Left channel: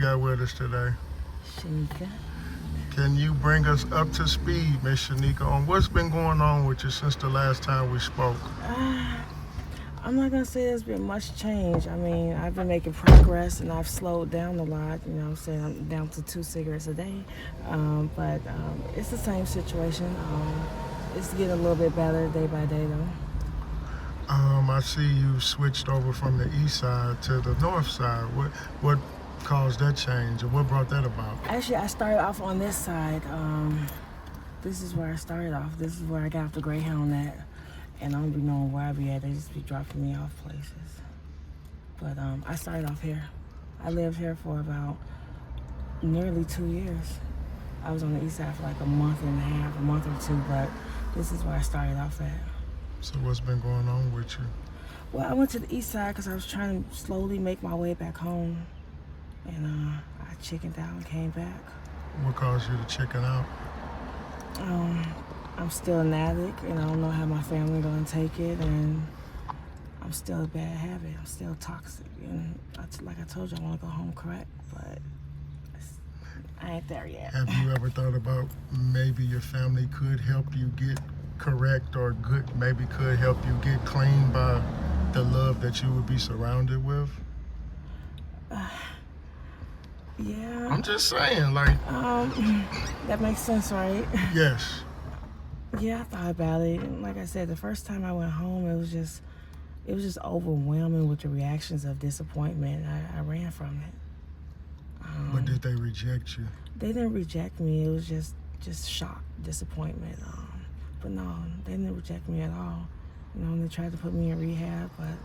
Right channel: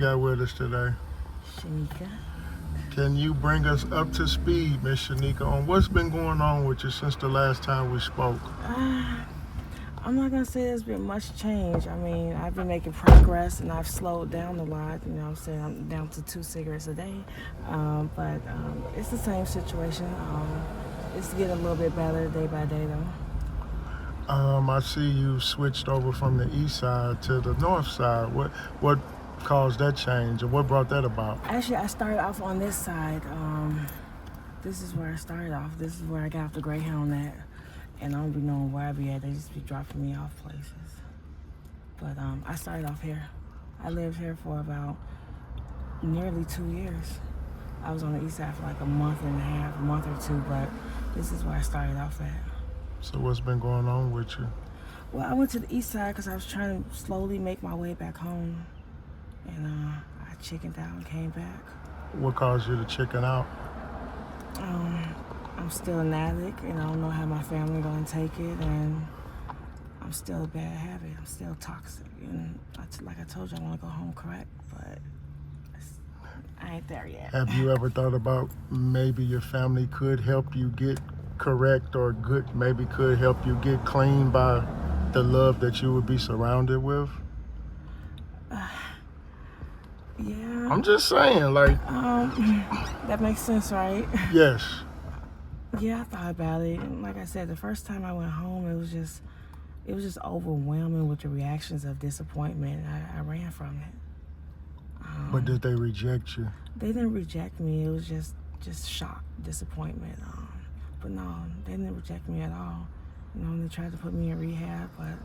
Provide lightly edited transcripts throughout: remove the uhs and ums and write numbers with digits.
got with us today? Shanika. Can you bring us up to speed, Miss Shanika, on what's been going on with you since the last time we spoke? I'm not gonna say there's been much change. I mean, I've been making progress and I've slowed down a lot. You know what I'm saying? I'm down to 2 cigarettes a day. But it's the same situation. It's getting a little bit better day by day though. I see you switched over from the east side to the north side. What caused that change and what brought that about? Actually, I started off on this side. This is where I started off. This is where I got off the Greyhound at. And I don't be knowing where I be at. They just be dropping me off places. But I started off here. I lived here for about nearly 2 years. I was on the east side for like a month and a half, a month or two, but this is where I started off at. So what's been going on with you? Well, I went to the east side because I was trying to slowly make my way back home. And I chickened out and came back. What caused you to chicken out? I'm still an addict, and I don't know how my family gonna take it, and I'm still a bad habit. I'm still toxic, and like I told you, I want to go home correct, but I ain't there yet. Have you ever thought about maybe your family could help you get correct or maybe could help you get clean by the love that you would be surrounded with? Yeah. I'm just saying, like. That makes sense, right? Yes. Yeah, I thought about it, and like I said, the first time I went home, it was just overwhelming with the reactions of disappointment. I ran from it. But did they reject you? They didn't reject me. It was just shock, disappointment. But no, they didn't reject me at all. You know, they tried to put me in rehab, but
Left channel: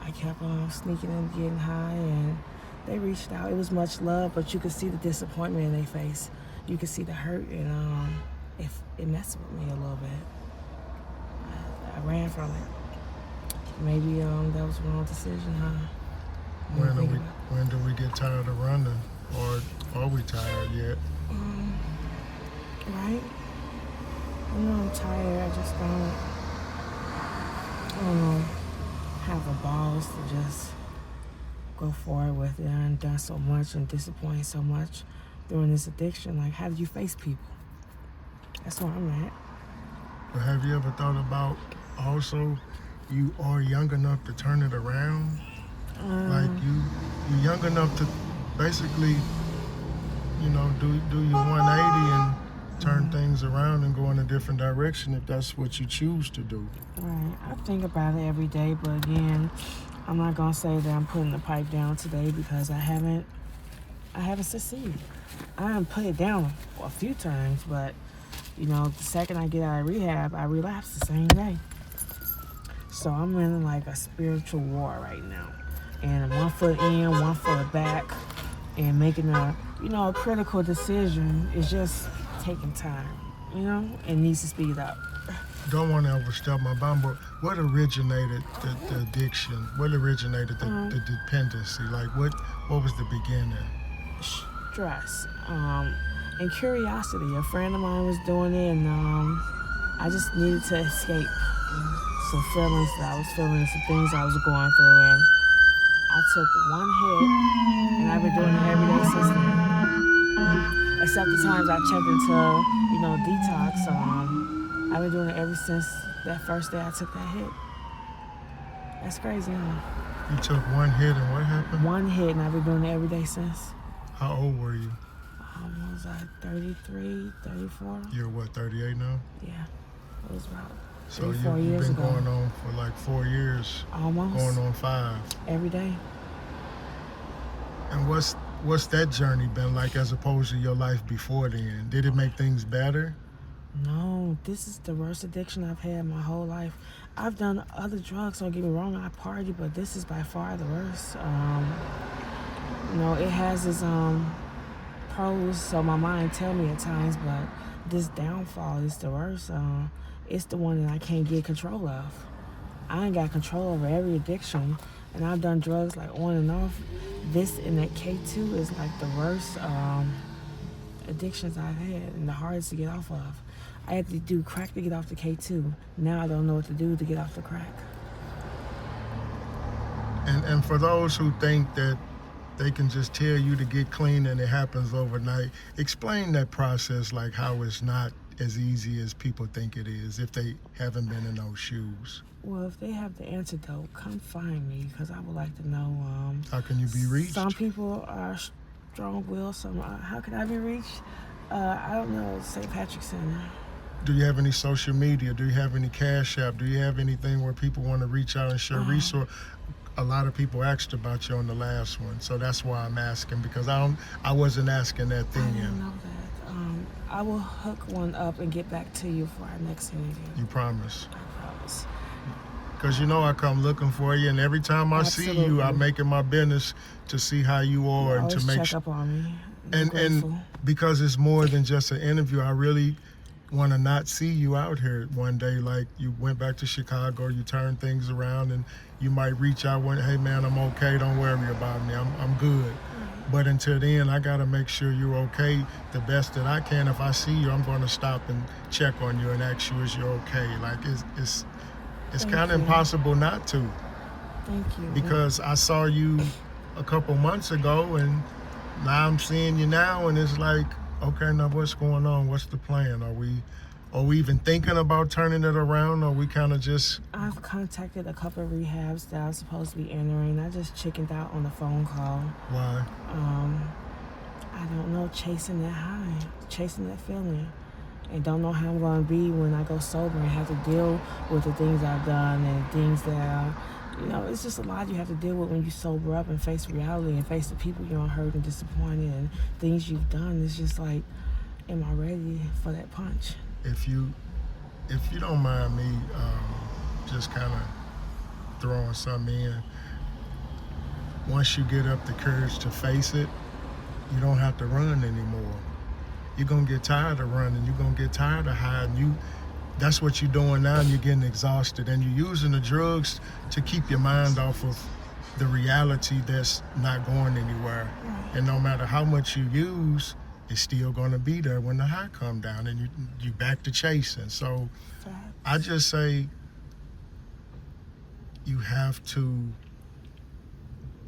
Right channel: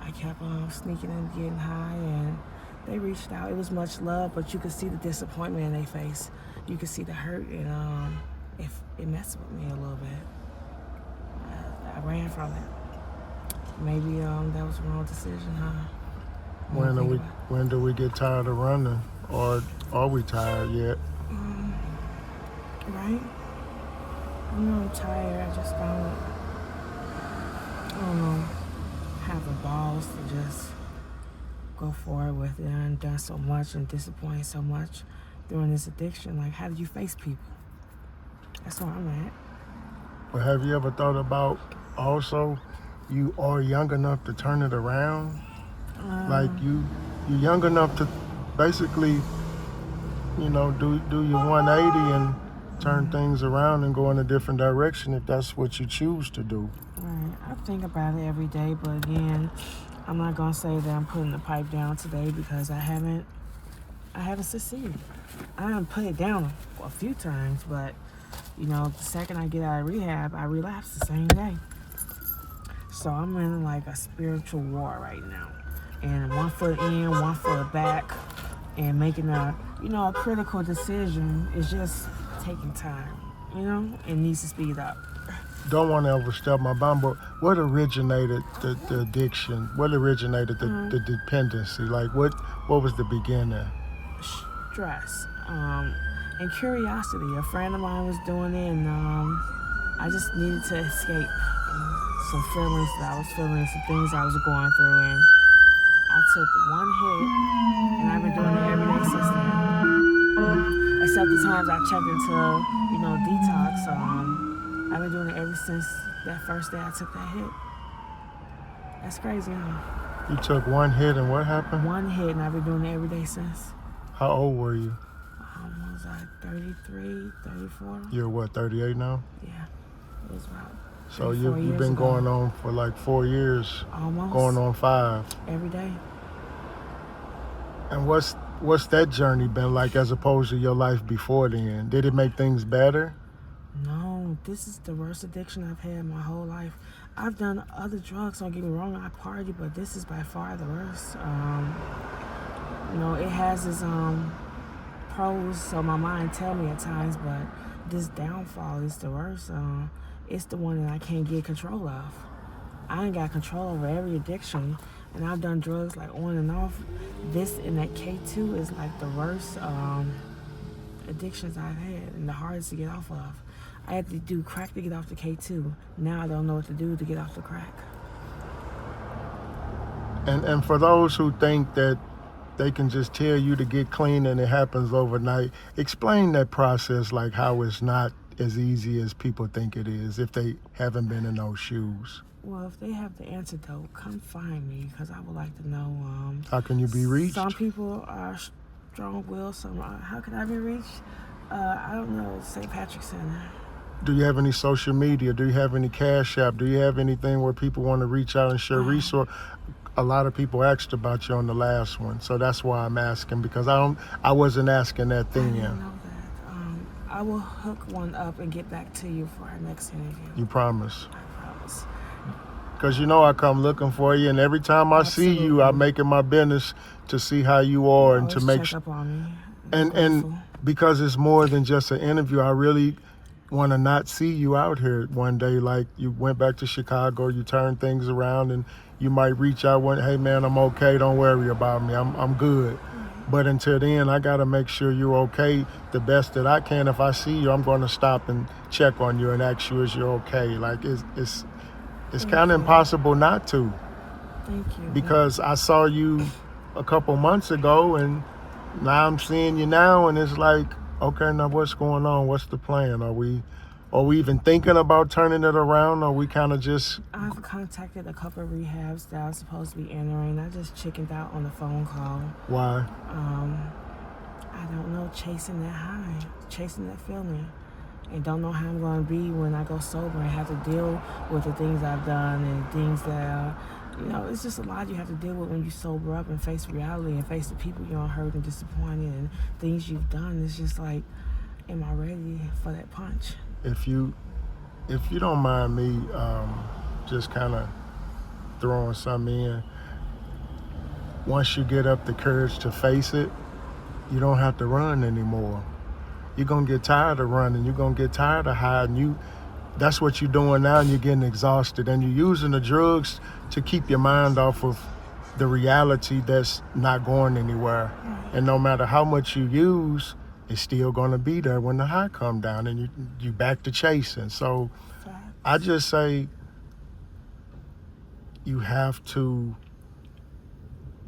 I kept on sneaking and getting high, and they reached out. It was much love, but you could see the disappointment in their face. You could see the hurt, and it messed with me a little bit. I ran from it. Maybe that was the wrong decision, huh? When do we get tired of running, or are we tired yet? Right? I know I'm tired. I just don't know, have the balls to just go forward with it. I've done so much and disappointed so much during this addiction. Like, how do you face people? That's where I'm at. But have you ever thought about also you are young enough to turn it around? Like you're young enough to basically, do your 180 and turn things around and go in a different direction if that's what you choose to do. Right. I think about it every day, but again, I'm not gonna say that I'm putting the pipe down today because I haven't succeeded. I haven't put it down a few times, but the second I get out of rehab, I relapse the same day. So I'm in like a spiritual war right now. And 1 foot in, 1 foot back, and making a critical decision is just taking time, It needs to speed up. Don't want to overstep my bound, but what originated the addiction? What originated the dependency? Like what was the beginning? Stress and curiosity. A friend of mine was doing it, and I just needed to escape some feelings that I was feeling, some things I was going through, and I took one hit, and I've been doing it every day since then. Except the times I checked into, detox. I've been doing it ever since that first day I took that hit. That's crazy, huh? You took one hit, and what happened? One hit, and I've been doing it every day since. How old were you? Was I 33, 34? You're what, 38 now? Yeah, it was about. So you've been going on for like 4 years. Almost. Going on 5. Every day. And what's that journey been like as opposed to your life before then? Did it make things better? No, this is the worst addiction I've had my whole life. I've done other drugs, don't get me wrong, I party, but this is by far the worst. It has its pros, so my mind tell me at times, but this downfall is the worst. It's the one that I can't get control of. I ain't got control over every addiction, and I've done drugs like on and off. This and that K2 is like the worst addictions I've had and the hardest to get off of. I had to do crack to get off the K2. Now I don't know what to do to get off the crack. And for those who think that they can just tell you to get clean and it happens overnight. Explain that process, like how it's not as easy as people think it is if they haven't been in those shoes. Well, if they have the antidote, come find me because I would like to know. How can you be reached? Some people are strong-willed. Some how can I be reached? I don't know. St. Patrick's Center. Do you have any social media? Do you have any Cash App? Do you have anything where people want to reach out and share resource? A lot of people asked about you on the last one, so that's why I'm asking, because I wasn't asking that I then. didn't know that. I will hook one up and get back to you for our next interview. You promise? I promise. Because you know I come looking for you, and every time I see you, I make it my business to see how you are and to Always make check up on me. and because it's more than just an interview, I really want to not see you out here one day. Like you went back to Chicago, you turned things around, and you might reach out one, hey man, I'm okay, don't worry about me, I'm good. But until then, I gotta make sure you're okay the best that I can. If I see you, I'm gonna stop and check on you and ask you is you're okay. Like it's kind of impossible not to. Thank you. Because I saw you a couple months ago, and now I'm seeing you now, and it's like, okay, now what's going on? What's the plan? Are we even thinking about turning it around? Or we kind of just... I've contacted a couple of rehabs that I was supposed to be entering. I just chickened out on the phone call. Why? I don't know, chasing that high, chasing that feeling. And don't know how I'm going to be when I go sober and have to deal with the things I've done and things that, it's just a lot you have to deal with when you sober up and face reality and face the people you're hurt and disappointed and things you've done. It's just like, am I ready for that punch? If you don't mind me just kind of throwing something in, once you get up the courage to face it, you don't have to run anymore. You're going to get tired of running. You're going to get tired of hiding. That's what you're doing now, and you're getting exhausted. And you're using the drugs to keep your mind off of the reality that's not going anywhere. And no matter how much you use, it's still going to be there when the high come down and you back to chasing. So I just say you have to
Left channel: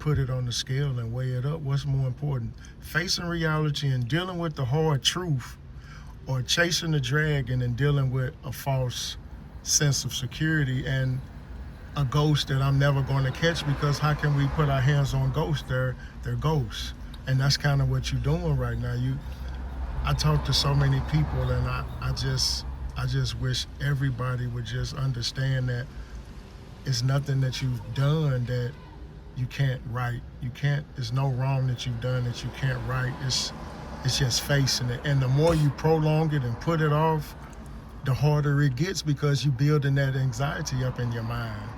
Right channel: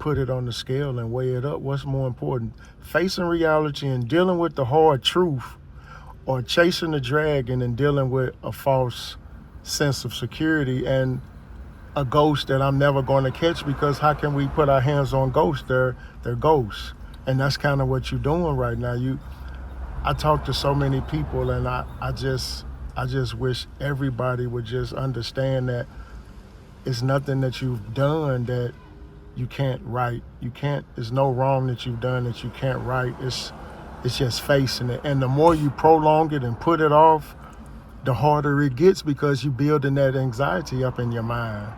put it on the scale and weigh it up. What's more important? Facing reality and dealing with the hard truth, or chasing the dragon and dealing with a false sense of security and a ghost that I'm never going to catch, because how can we put our hands on ghosts? They're ghosts. And that's kind of what you're doing right now. I talk to so many people, and I just wish everybody would just understand that it's nothing that you've done that you can't right. There's no wrong that you've done that you can't right. It's just facing it. And the more you prolong it and put it off, the harder it gets, because you're building that anxiety up in your mind.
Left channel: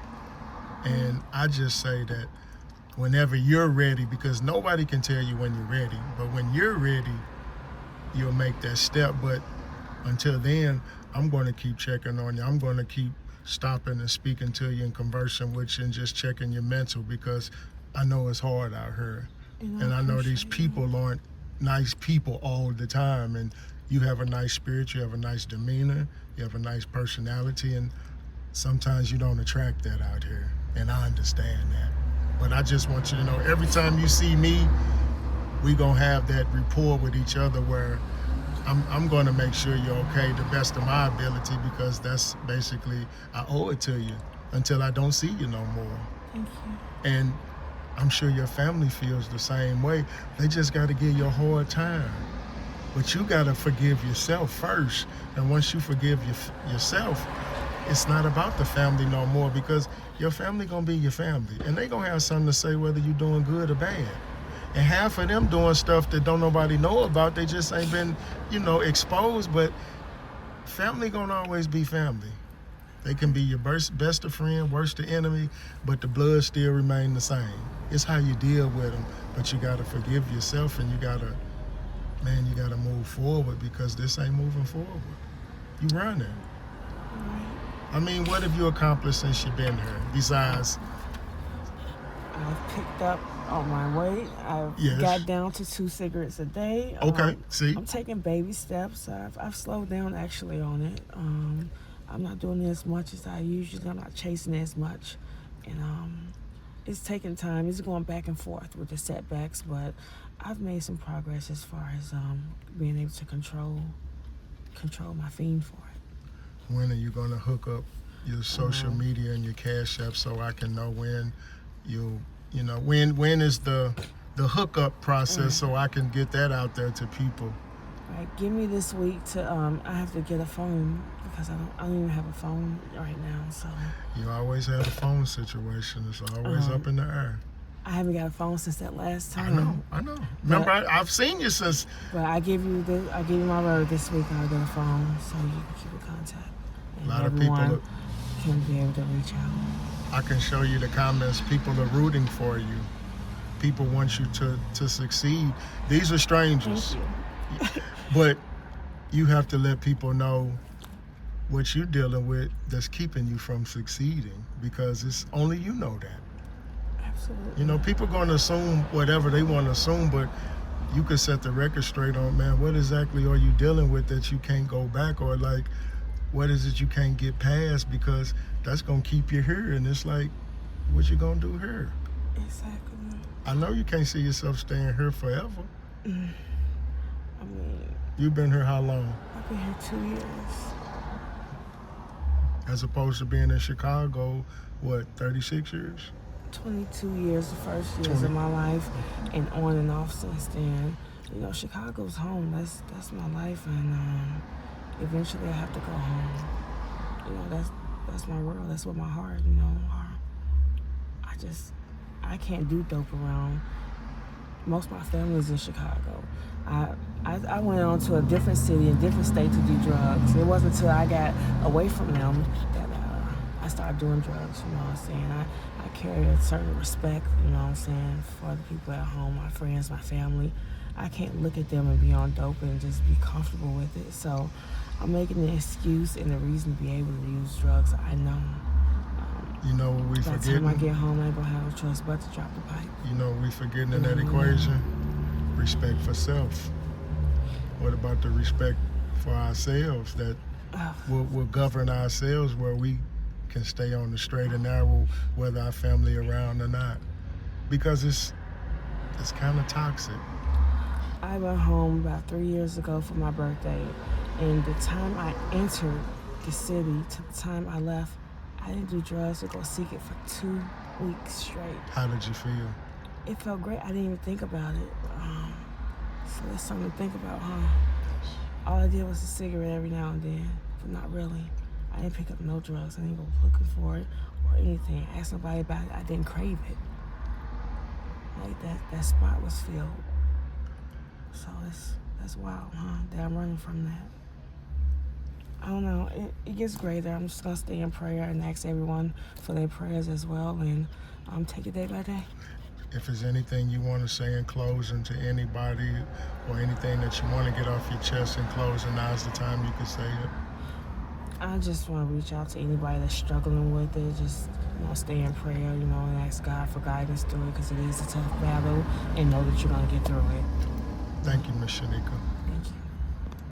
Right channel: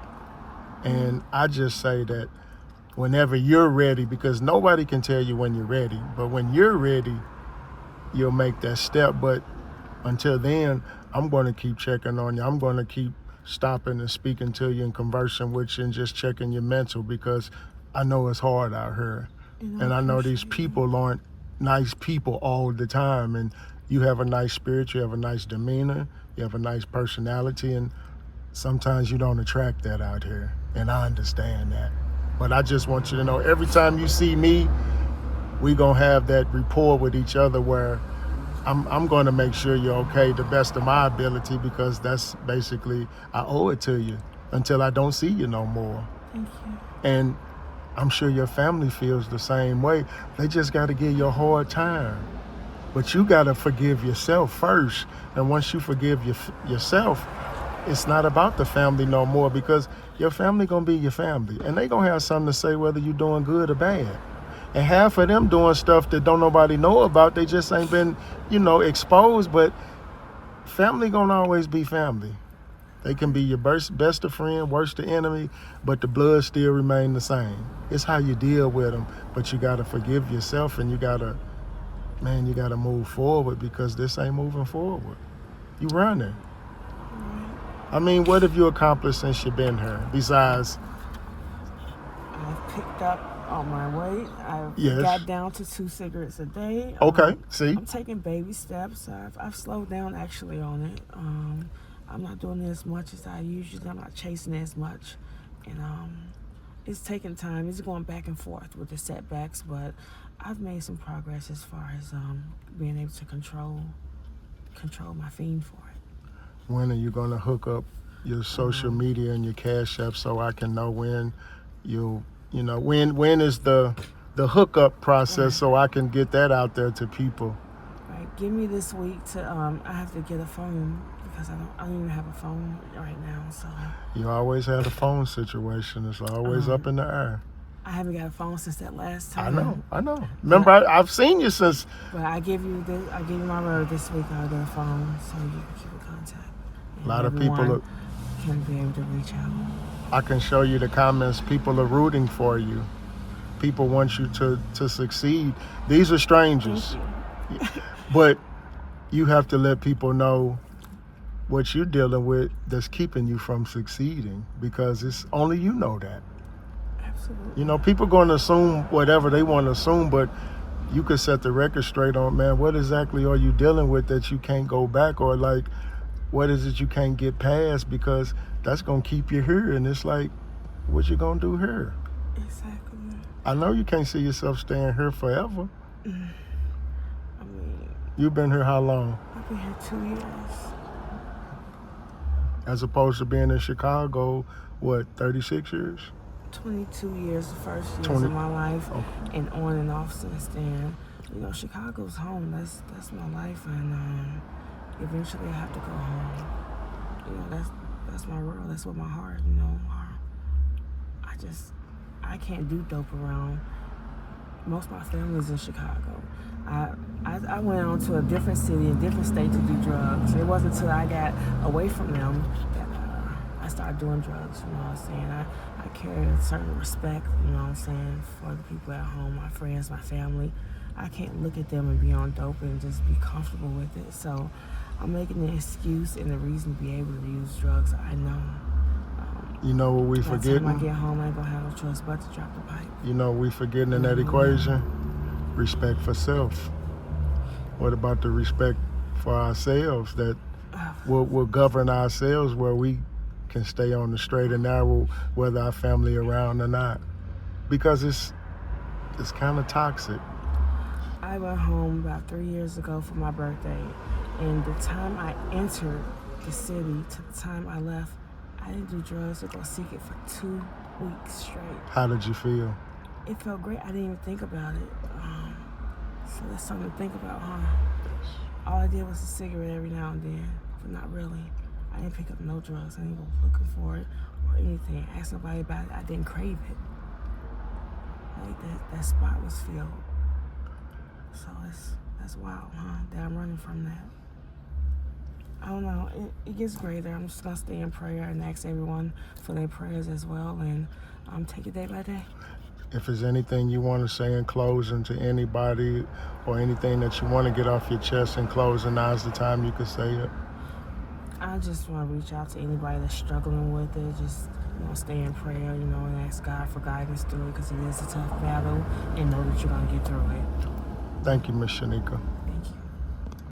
And I just say that whenever you're ready, because nobody can tell you when you're ready, but when you're ready, you'll make that step. But until then, I'm going to keep checking on you. I'm going to keep stopping and speaking to you and conversing with you and just checking your mental, because I know it's hard out here. And I know these people aren't nice people all the time. And you have a nice spirit, you have a nice demeanor, you have a nice personality, and sometimes you don't attract that out here. And I understand that. But I just want you to know, every time you see me, we gonna have that rapport with each other where I'm gonna make sure you're okay the best of my ability, because that's basically, I owe it to you until I don't see you no more. Thank you. And I'm sure your family feels the same way. They just gotta give you a hard time. But you gotta forgive yourself first. And once you forgive yourself, it's not about the family no more, because your family gonna be your family. And they gonna have something to say whether you're doing good or bad. And half of them doing stuff that don't nobody know about. They just ain't been, exposed. But family gonna always be family. They can be your best of friend, worst of enemy, but the blood still remain the same. It's how you deal with them. But you gotta forgive yourself, and you gotta move forward, because this ain't moving forward. You running. I mean, what have you accomplished since you've been here? Besides, I've picked up on my weight. I've got down to 2 cigarettes a day. Okay, see? I'm taking baby steps. I've slowed down actually on it. I'm not doing it as much as I usually. I'm not chasing it as much, and it's taking time. It's going back and forth with the setbacks, but I've made some progress as far as being able to control my fiend for it. When are you gonna hook up your social media and your Cash App so I can know when when is the hookup process so I can get that out there to people? Right, give me this week to I have to get a phone because I don't even have a phone right now. So You always have a phone situation. It's always up in the air. I haven't got a phone since that last time. I know. Remember, I've seen you since. But I give you my word. This week I'll get a phone so you can keep in contact. And A lot of people can be able to reach out. I can show you the comments. People are rooting for you. People want you to succeed. These are strangers. Thank you. But you have to let people know what you're dealing with that's keeping you from succeeding, because it's only you know that. Absolutely. People going to assume whatever they want to assume, but you can set the record straight on, man, what exactly are you dealing with that you can't go back, or like, what is it you can't get past, because that's going to keep you here. And it's like, what you going to do here? Exactly. I know you can't see yourself staying here forever. I mean, You've been here how long? I've been here 2 years. As opposed to being in Chicago, what, 36 years? 22 years, the first years of my life, and on and off since then. Chicago's home. That's my life, and eventually I have to go home. That's my world. That's what my heart. I can't do dope around. Most of my family's in Chicago. I went on to a different city, a different state to do drugs. It wasn't until I got away from them that I started doing drugs, you know what I'm saying? I carry a certain respect, you know what I'm saying, for the people at home, my friends, my family. I can't look at them and be on dope and just be comfortable with it. So I'm making the excuse and the reason to be able to use drugs. I know. You know what we By the forgetting? time I get home, I ain't gonna have no choice but to drop the pipe. You know what we forgetting in that equation? Respect for self. What about the respect for ourselves that will govern ourselves, where we can stay on the straight and narrow whether our family around or not? Because it's kind of toxic. I went home about 3 years ago for my birthday, and the time I entered the city to the time I left, I didn't do drugs or go seek it for 2 weeks straight. How did you feel? It felt great. I didn't even think about it. So that's something to think about, huh? All I did was a cigarette every now and then, but not really. I didn't pick up no drugs. I didn't go looking for it or anything. Ask nobody about it. I didn't crave it. Like that spot was filled. So that's wild, huh? That I'm running from that. I don't know. It gets greater. I'm just gonna stay in prayer and ask everyone for their prayers as well, and take it day by day. If there's anything you want to say in closing to anybody, or anything that you want to get off your chest in closing, now's the time you can say it. I just want to reach out to anybody that's struggling with it. Just stay in prayer, and ask God for guidance through it, because it is a tough battle, and know that you're gonna get through it. Thank you, Miss Shanika.